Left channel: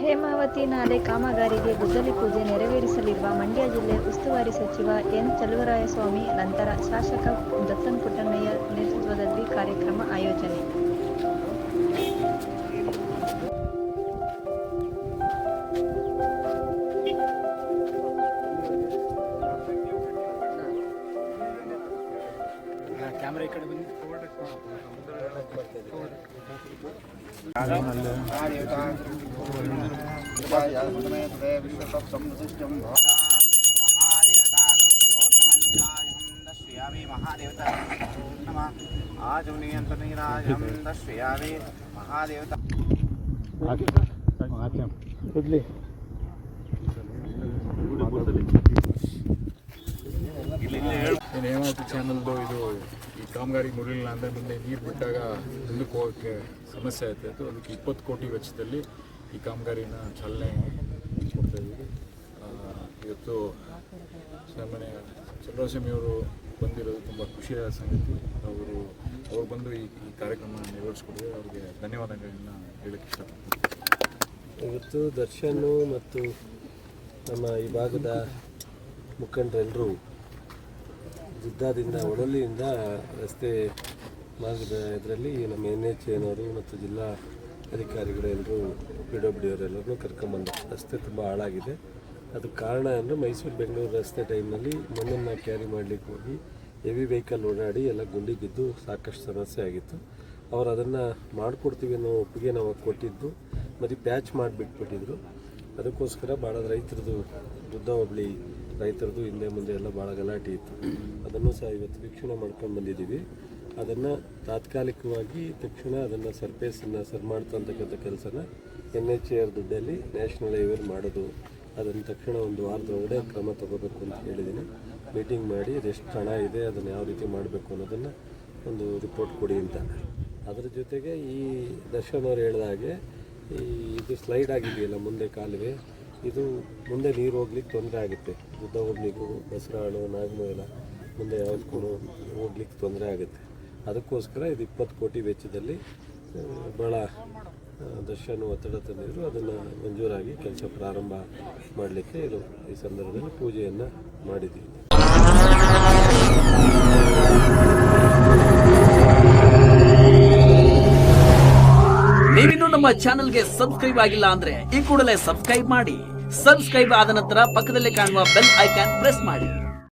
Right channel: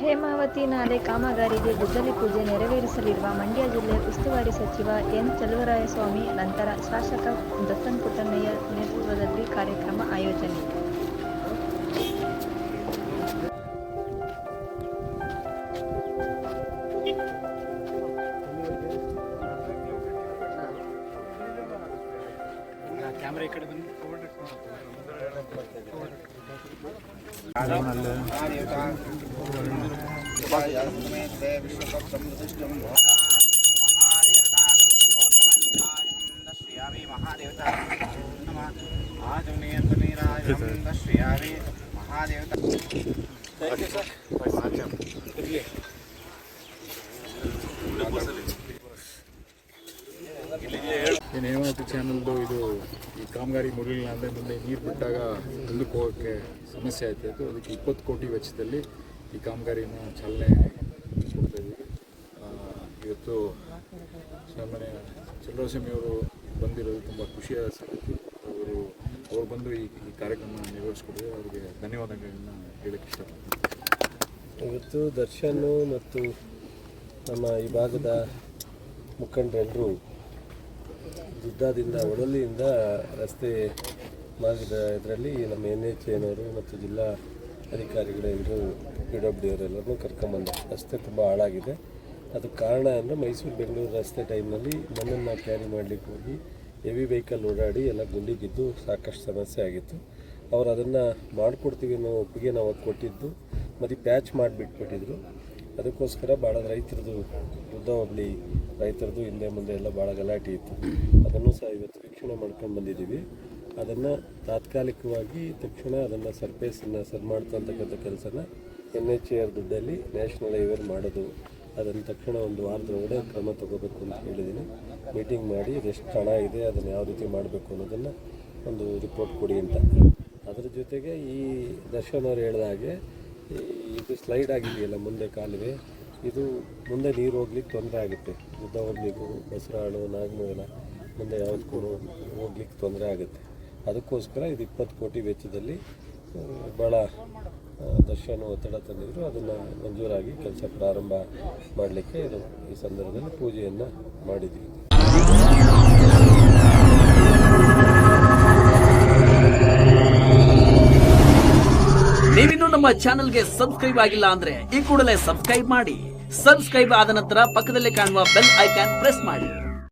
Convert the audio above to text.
ಹೇಮಾವತಿ ನಾಲೆ ಕಾಮಗಾರಿಗೆ ಗುದ್ದಲಿ ಪೂಜೆ ನೆರವೇರಿಸಲಿರುವ ಮಂಡ್ಯ ಜಿಲ್ಲೆ ಉಸ್ತುವಾರಿ ಸಚಿವ ಎನ್ ಚಲುವರಾಯಸ್ವಾಮಿ ನಂತರ ಶಾಸಕ ದತ್ತನ್ ಪುಟ್ಟಣ್ಣಯ್ಯ ನೇತೃತ್ವದಲ್ಲಿ ಕಾರ್ಯಕ್ರಮ ಆಯೋಜನೆ. ಹೇಮಾವತಿ ಚಾನಲ್ದು ಇದು ಈ ಕಾಮಗಾರಿ ಮುಗಿಲಿಲ್ಲ ಅಂದರೆ ಮುಂದೆ ನೀರು ಬಿಟ್ಟಾಗ ಮುಂದಕ್ಕೆ ಹೋಗೋಕ್ಕೆ ಸಮಸ್ಯೆ ಆಯ್ತಾಯಿತ್ತು. ಅದಕ್ಕೆ 20 ಕೋಟಿ ವೆಚ್ಚದಲ್ಲಿ ಈ ಕಾಮಗಾರಿನ ಚಾಲನೆ ಕೊಡ್ತಾಯಿದ್ದೀವಿ. ಇವತ್ತು ಸಾಮಾನ್ಯ ಚಂದ್ರಸ್ವಾಮಿಯವರು ಬಂದಿರೋದು ತುಂಬ ಖುಷಿಯಾದ ಸಂಗತಿ. ಅವರು ಬಂದು ಈ ಕಾರ್ಯಕ್ರಮ ನೆರವೇರಿಸ್ಕೊಟ್ಟಿದ್ದಾರೆ. ಅವರಿಗೆ ಧನ್ಯವಾದಗಳನ್ನ ಹೇಳಕ್ಕೆ ಇಷ್ಟಪಡ್ತೀನಿ. ಇವತ್ತು ದರ್ಶನ್ ಮತ್ತು ನಮ್ಮ ಈ ಭಾಗದ ಮುಖಂಡರೆಲ್ಲರೂ ಜಿದ್ದಾದಿಂದ ಒಡಲಿಯಿಂದ ರಸ್ತೆ ಮಾರ್ಗದ ಇದರಲ್ಲಿ ನಮ್ಮ NHAನವರು ಮತ್ತು ಜಿಲ್ಲಾ ಅಧಿಕಾರಿಗಳೆಲ್ಲರೂ PWD ಅವರೆಲ್ಲರೂ ಕರ್ಕೊಂಬಂದು ರಸ್ತೆ ತುಂಬ ಹಾಳಾಗಿದೆ. ಅದಕ್ಕೆ ಕಾರಣ ಅಂದರೆ ಮೈಸೂರು ಬೆಂಗಳೂರು ರಸ್ತೆ ಟೈಮ್ನಲ್ಲಿ ಮಣ್ಣನ್ನು ಕ್ಯಾರಿ ಮಾಡಲಿಕ್ಕೆ ಹೋಗಿ ಹೆವಿ ವೆಹಿಕಲ್ ಓಡಾಡಿ ಎಲ್ಲ ಗುಂಡಿ ಬಿದ್ದು ಸಾಕಷ್ಟು ಸಮಸ್ಯೆ ಆಗಿತ್ತು. ಅವರು ಅದನ್ನು ಮಾಡಿಕೊಡ್ತೀವಿ ಅನ್ನೋ ಒಪ್ಪಿಗೆ ನಾವು ಕೊಟ್ಟಿದ್ದು ಮತ್ತು ಪ್ಯಾಚ್ ಮಾಡಿಬಿಟ್ಬಿಟ್ಟಿದ್ರು. ಅದಕ್ಕೋಸ್ಕರ ಭಾಳ ರೈತರದು ದುದ್ದ ಹೋಬಳಿ ರೈತರದು ಹಿಂದೆ ಮುಂದೆ ಎಲ್ಲ ಭಾಳ ಗಲಾಟೆ ಇತ್ತು. ಅದನ್ನು ಸಹ ಇವತ್ತು ವೀಕ್ಷಣೆ ಮಾಡ್ಕೊಂಡು ಬಂದಿದ್ದೀವಿ. ಅದನ್ನು ತಾತ್ಕಾಲಿಕವಾಗಿ ತಕ್ಷಣ ಅದನ್ನು ಸರ್ಫೇಸನ್ನು ಸರಿ ಮಾಡ್ತಕ್ಕಂಥ ಕೆಲಸನ NHAR ದುಡ್ಡಲ್ಲಿ ನ್ಯಾಷನಲ್ ಹೈವೇ ಮಾಡೋದು, ಅದನ್ನು ತಕ್ಷಣ ಒಂದು ವಾರದೊಳಗಡೆ ಕ್ರಮ ತಗೋಬೇಕು ಅಂತ ಹೇಳಿದ್ದೀನಿ. ಮೀಟಿಂಗ್ ಮಾಡಿ ಅದೆಷ್ಟು ಹಣ ಇದೆ, ಅದನ್ನು ಯಾವ ರೀತಿ ಮಾಡಬೇಕು ಅನ್ನೋದನ್ನು ಒಂದು ರಿಪೋರ್ಟ್ ಕೊಡಿ ಅಂತ. ಅದರ ಜೊತೆಗೆ ಈ ದರ್ಶನ್ ಅವರು ಹೇಳಿದ ಹಾಗೆ ಇದು ಸ್ಲೈಡ್ ಆಗಿದೆಯಲ್ಲ ಮುಂದೆ ಕಾಲುವೆ, ಇದು ಮುಂದೆ ನೀರು ಹೋಗ್ಲಿಕ್ಕೆ ತೊಂದರೆ ಆಗುತ್ತೆ. ದುದ್ದ ಹೋಗ್ಲಿಕ್ಕೂ ಬಸರಾಳು ನಾಗಮೂಲ ಮುಂದೆ ಯಾವುದಕ್ಕೂ ಹೋಗ್ಲಿಕ್ಕೆ ತೊಂದರೆ ಆಗುತ್ತೆ. ಅದಕ್ಕೋಸ್ಕರ ಇದು 20 ಕೋಟಿ ವೆಚ್ಚದಲ್ಲಿ ಭಾಳ ದರ್ಶನ ಒತ್ತಡ ತಂದಿದ್ರು. ಅದನ್ನು ಮಂಜೂರಾಗಿ ಕೆಲಸ ಪ್ರಾರಂಭ ಮಾಡಲಿಕ್ಕೆ ಇದು ಈ ಸಂದರ್ಭದಲ್ಲಿ ಪೂಜೆಯನ್ನು ಮಾಡಿದ್ದೀವಿ. ನೀವಿನ್ನೂ ನಮ್ಮ ಚಾನೆಲ್ಗೆ ಸಬ್ಸ್ಕ್ರೈಬ್ ಆಗಿಲ್ಲ ಅಂದ್ರೆ ಈ ಕೂಡಲೇ ಸಬ್ಸ್ಕ್ರೈಬ್ ಮಾಡಿ. ಸಬ್ಸ್ಕ್ರೈಬ್ ಆದ ನಂತರ ಪಕ್ಕದಲ್ಲಿ ಕಾಣುವ ಬೆಲ್ ಐಕಾನ್ ಪ್ರೆಸ್ ಮಾಡಿ.